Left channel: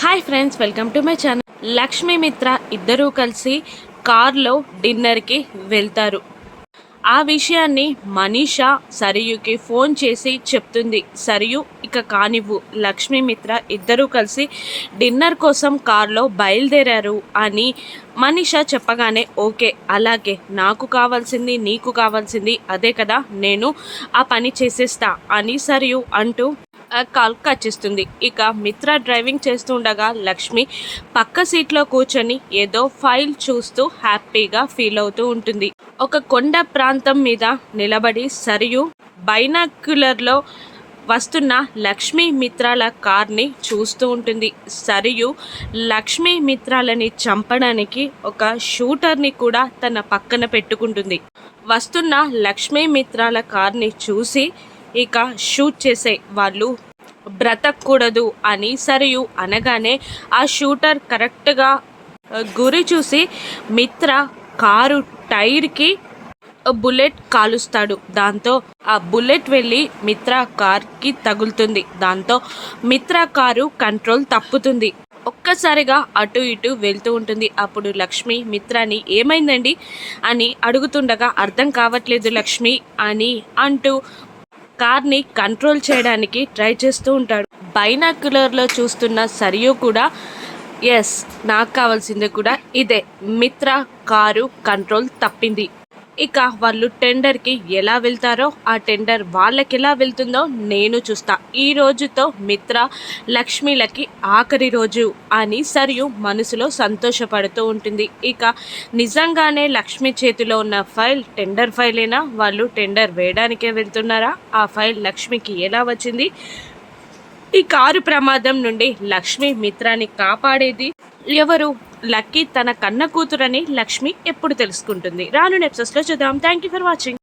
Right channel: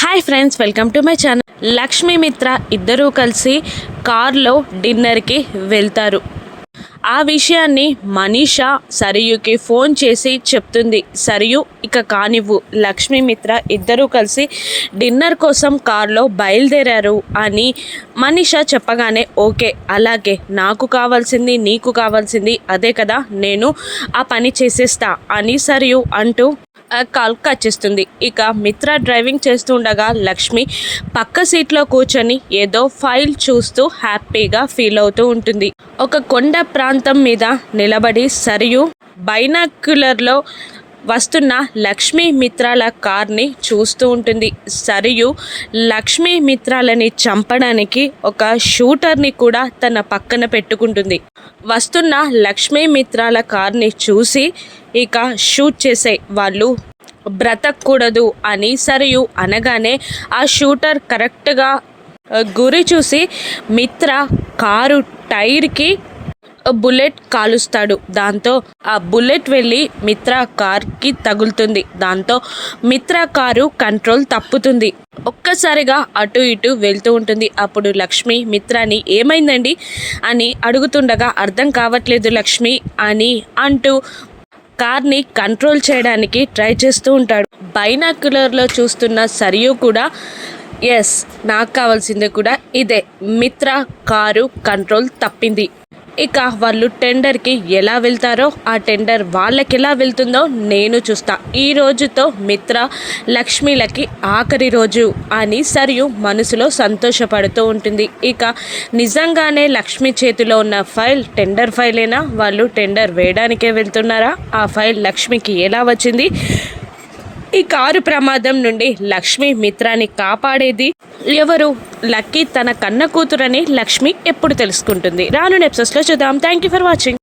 Hi friends welcome to my channel Lakshmi Mitra ఇద్దరూ కలిసి కార్లో డిన్నర్కి వెళ్తారు. ఆ విషయాన్ని మనీషా సరియుకి ఫోన్ చేసి చెప్తుంది. సరియు ఇక కానివ్వు. లక్ష్మీ మిత్ర ఇద్దరూ కలిసి డిన్నర్ కోసం కార్లో బయలుదేరారు అని మనీషా చెప్పగానే ఓకే అలాగే నాకు కావాల్సింది నీకు కావాల్సింది అదే కదా నేను ఆ పని చేసేస్తా అని సరియు అంటూ కాల్ కట్ చేస్తుంది ఇక మిత్ర డ్రైవింగ్ చేస్తుండగా లక్ష్మి పక్క సీట్లో కూర్చొని ఏదో ఫైల్ చూస్తూ హ్యాపీగా ఫీల్ అవుతూ ఉంటుంది. ఒక కొండ ప్రాంతం మీద నిలబడి సరియు బైనాక్యులర్లో వస్తున్న లక్ష్మీ మిత్రాల కార్ని చూస్తూ ఉంటుంది. సరియు లక్ష్మీ మిత్రాలని చంపడానికి ఒక షూటర్ని కూడా తన పక్కన పెట్టుకుంటుంది. వస్తున్న లక్ష్మీ మిత్రాల కార్ని చూసి ఇక షూట్ చేసే వాళ్ళు బ్రతకూడదు అని సరియు అనగానే ఆ షూటర్ కరెక్ట్గా గురి చూసి మిత్ర కారు టైర్కి బుల్లెట్ కాలుస్తాడు. దాంతో ఆ బుల్లెట్ వెళ్ళి మిత్ర కార్కి తగులుతుంది. దాంతో మిత్ర కారు కంట్రోల్ తప్పుతుంది. ఒక్కసారిగా అటు ఇటు వెళ్తూ ఉంటుంది. అప్పుడు లక్ష్మి మిత్రాని ఏమైందండి? అని అడుగుతుండగా అర్థం కావట్లేదు లక్ష్మి అని అంటూ కార్ని కంట్రోల్ చేయడానికి ట్రై చేస్తూ ఉంటాడు. బైనాక్యులర్లో చూస్తున్న సరియు కూడా ఎస్ నాకు కావాల్సింది కూడా ఇదే. మిత్ర కారు కంట్రోల్ తప్పింది. ఇక వాళ్ళు టెండర్కి ఎలా వెళ్తారో ఆ టెండర్ వాళ్ళకి ఎలా వెళ్తుందో నేను చూస్తా. ఈ రోజుతో మిత్ర లక్ష్మీలకి ఆఖరి రోజు అని సరియు మనసులో సంతోషపడుతూ ఉంటుంది. ఇక నిజంగానే లక్ష్మి చేతిలో ఉన్న ఫైల్ టెండర్ ఫైలేనా? వాళ్ళు టెండర్ వేయడానికే వెళ్తున్నారా? ఆ ఫైల్ లక్ష్మికి ఎలా వచ్చింది? ఈ కారు ప్రమాదం నుండి లక్ష్మి మిత్రాన్ని కాపాడేది ఎవరు? లక్కీ తన కన్న కూతురని లక్ష్మి ఎప్పుడు తెలుసుకుంటుంది. రాను నెప్సెస్లో చూద్దాం. Thank you for watching